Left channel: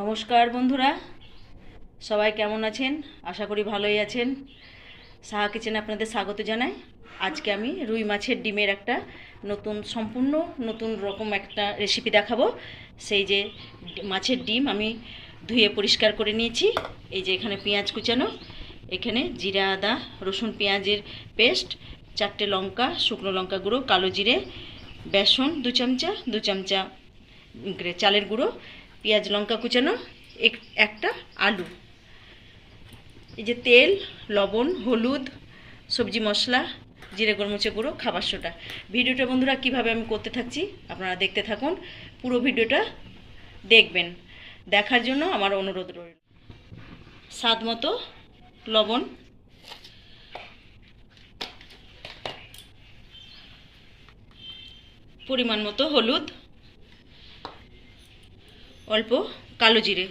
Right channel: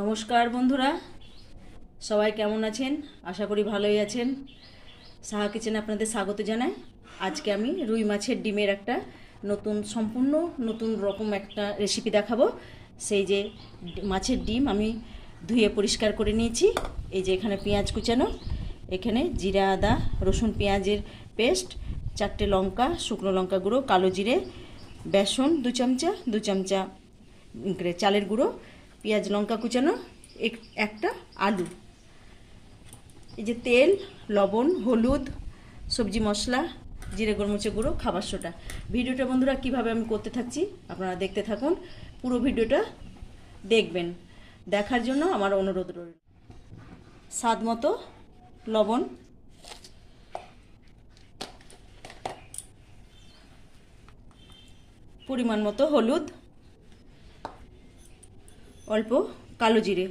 নমস্কার বন্ধুরা। সবাই কেমন আছেন? আশা করি ভালোই আছেন। সাহা কিচেনে আপনাদের স্বাগত জানাই। আজকে আমি রুই মাছের ডিমের একটা নতুন, সম্পূর্ণ নতুন রকম একটা রেসিপি দেখাবো। সেই যে মাছের ডিম আমি ধুয়ে পরিষ্কার করে নিয়েছি। এই যে এখানে পেঁয়াজ কুচানো, এখানে জিরা, আদা, রসুন পেঁয়াজের পেস্ট, চারটে লঙ্কা, শুকনো লঙ্কা গুঁড়ো, কালো জিরে, বেসন দু চামচা দু চামচা চালের গুঁড়ো পেঁয়াজ লঙ্কা কুচানো, এক- একটা আলু। এই যে তেল, লবণ, হলুদ, সবজি মশলা, জিরে গোলমরিচের গুঁড়ো, খাবার সোটা ভিডিওটা বন্ধুরা কীভাবে আমি করতে থাকছি আপনারা দেখতে থাকুন। পুরো ভিডিওটা দেখবেন। দেখার জন্য আমার অনুরোধ রইল। স্বাদ মতো লবণ। পরিমাণ মতো হলুদ। অল্প কালো জিরে,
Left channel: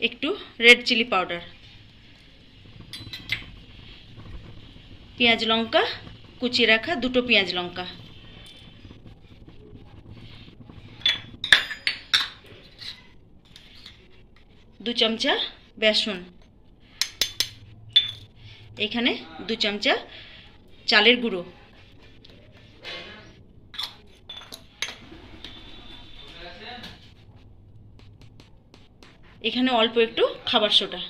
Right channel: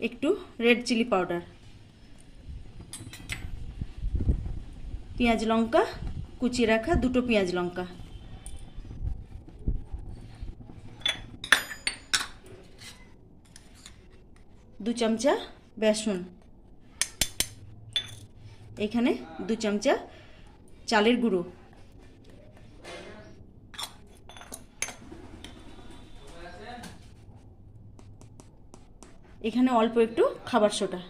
একটু রেড চিলি পাউডার, পেঁয়াজ লঙ্কা কুচিয়ে রাখা দুটো পেঁয়াজ লঙ্কা। দু চামচা বেসন। এখানে দু চামচা চালের গুঁড়ো। এখানে অল্প একটু খাবার সোটা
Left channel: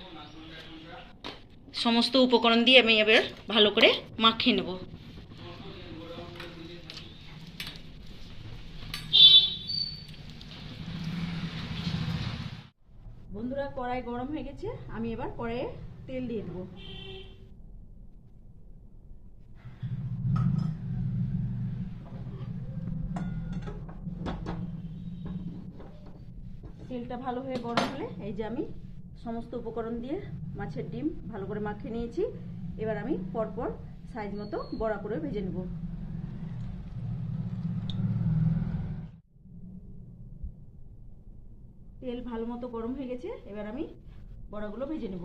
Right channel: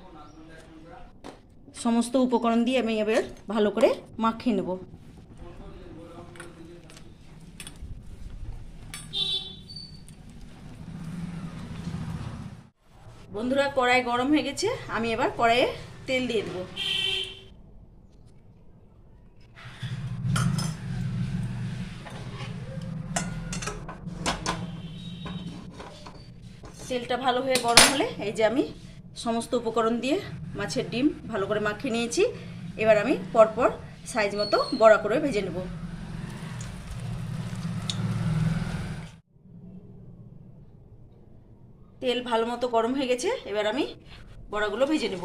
সমস্ত উপকরণ দিয়ে আমি এবার ভালো করে মাখিয়ে নেব। বন্ধুরা, কড়াই গরম হয়ে গেছে, আমি এবার কড়াইয়ে তেল দিয়ে দেবো। তেলটা ভালো হয়ে গরম হলে এই যে আমি সমস্ত উপকরণ দিয়ে মাছের ডিম ভালো করে মাখিয়ে নিয়েছি। এবার আমি পরপর সাইজ মতো বড়া করে ভেজে নেব। তেল ভালো মতো গরম হয়ে গেছে, এবার আমি বড়াগুলো ভেজে নেব।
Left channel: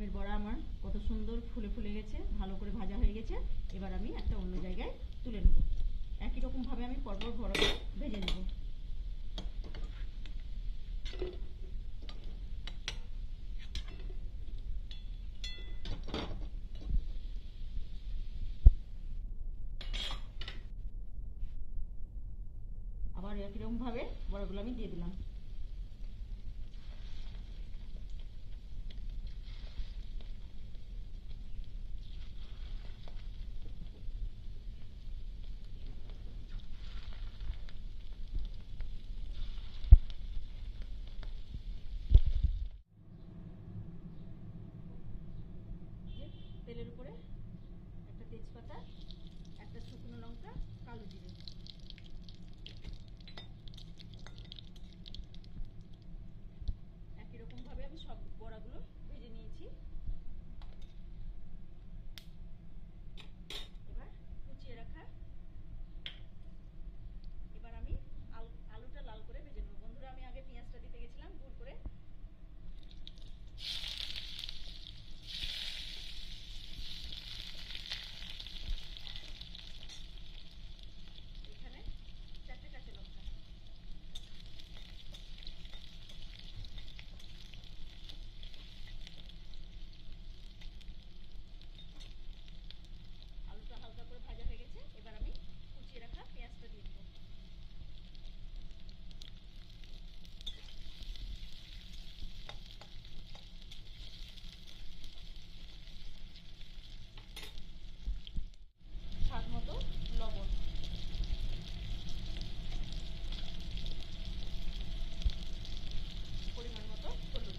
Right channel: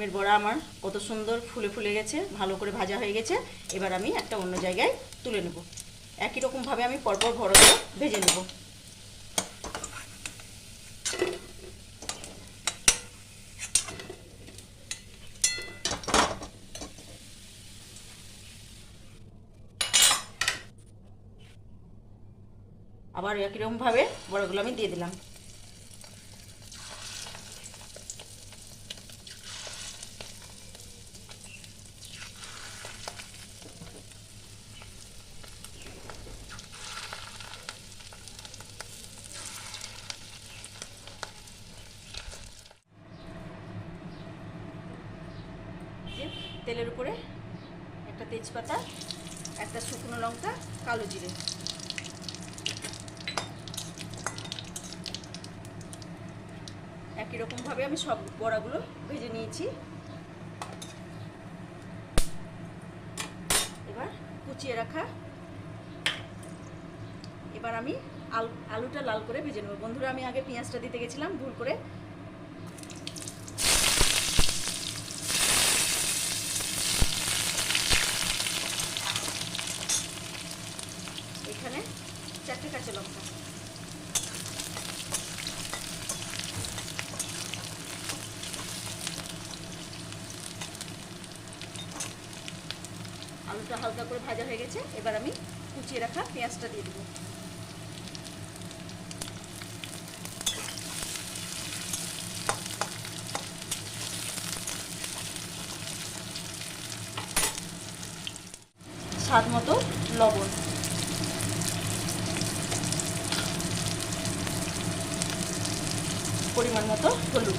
ডিমের বড়া আমার কত সুন্দর ফুলে ফুলে গেছে, ভালো করে ভাজা হয়ে গেছে। এবার আমি একটা অন্য জায়গায় তুলে নেব। একই রকমভাবে আমি পরপর বড়াগুলো ভেজে নেব। আবার একই রকমভাবে বড়াগুলো আমি দিয়ে দিলাম যে তেলের উপরে একটা তেজপাতা, একটা শুকনো লঙ্কা, কালো জিরে। একই রকমভাবে আমি সব বড়াগুলো ভেজে নিয়েছি। এবার কুচিয়ে রাখা। এবার আমি আলু, আলুটা লাল করে ভেজে নেব। বন্ধুরা, আমি আগে পেঁয়াজটা দিতে গেছিলাম, ভুল করে এখানে চারটে কাঁচা লঙ্কা। আলুটা হালকা করে ভাজা হয়ে গেছে, এবার আমি কুচিয়ে রাখা পেঁয়াজটা দিয়ে দেবো। স্বাদ মতো লবণ। পরিমাণ মতো হলুদ।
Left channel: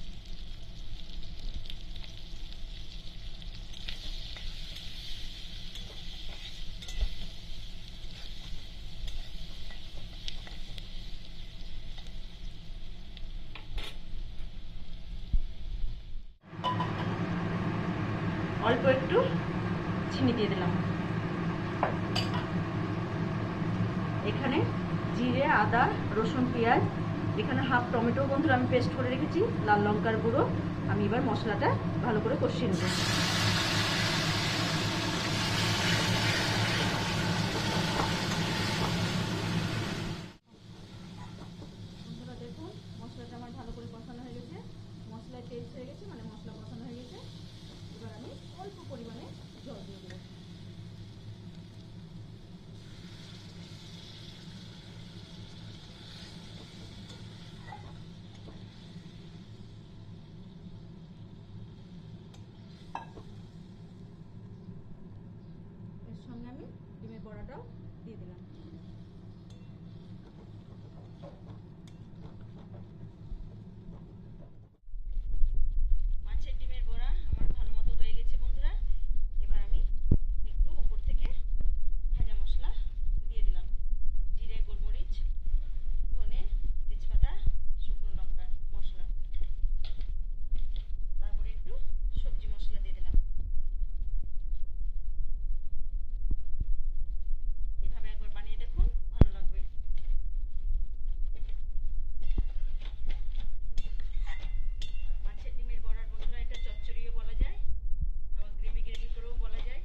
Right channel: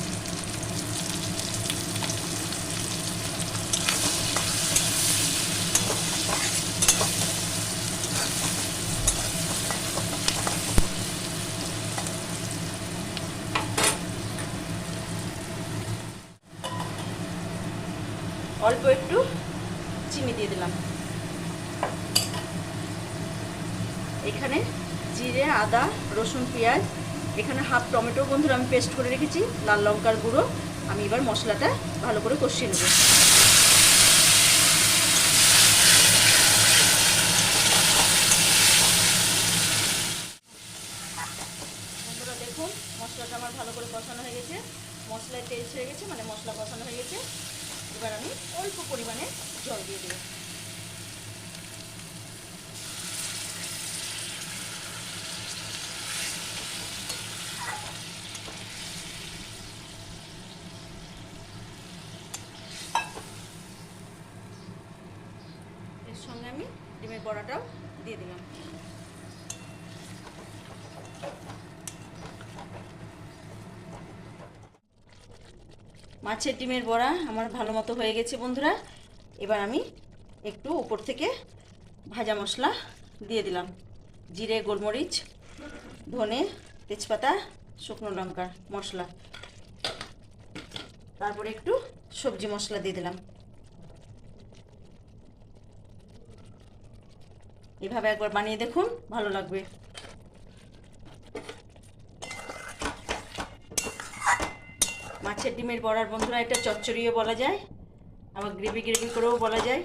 অল্প একটু চিনি দিয়ে দিলাম। এখানে জিরে আদা রসুন পেঁয়াজ এখানে হাফ টমেটো বন্ধুরা আমি পেস্ট করে রেখেছি, লাল লঙ্কার গুঁড়ো। আমি এবার মশলাটা ভালো করে কষিয়ে নেব। দেখুন, মশলাটা ভালো করে হয়ে গেছে। মশলায় মানে মশলা কষানো হয়ে গেছে। এবার আমি অল্প পরিমাণে জল দিয়ে দেবো। বড়াটাও দিয়ে দিলাম। মাছের ডিমের বড়া আমার ভালো মতো হয়ে গেছে বন্ধুরা। এবার আমি একটু উপর থেকে ভাজা মশলা দিয়ে দিলাম। জিরে, গোলমরিচ, ধনে, তেজপাতা, শুকনো লঙ্কার মশলা। তারপরে একটু সবজি মশলা দিয়ে দিলাম। এভাবে একবার বানিয়ে দেখুন, ভালো লাগবে। মাছের ডিমের বড়ার বন্ধুরা, এটা চচ্চড়িও বলা যায়, আবার গ্রেভি গ্রেভি করেও বলা যায়।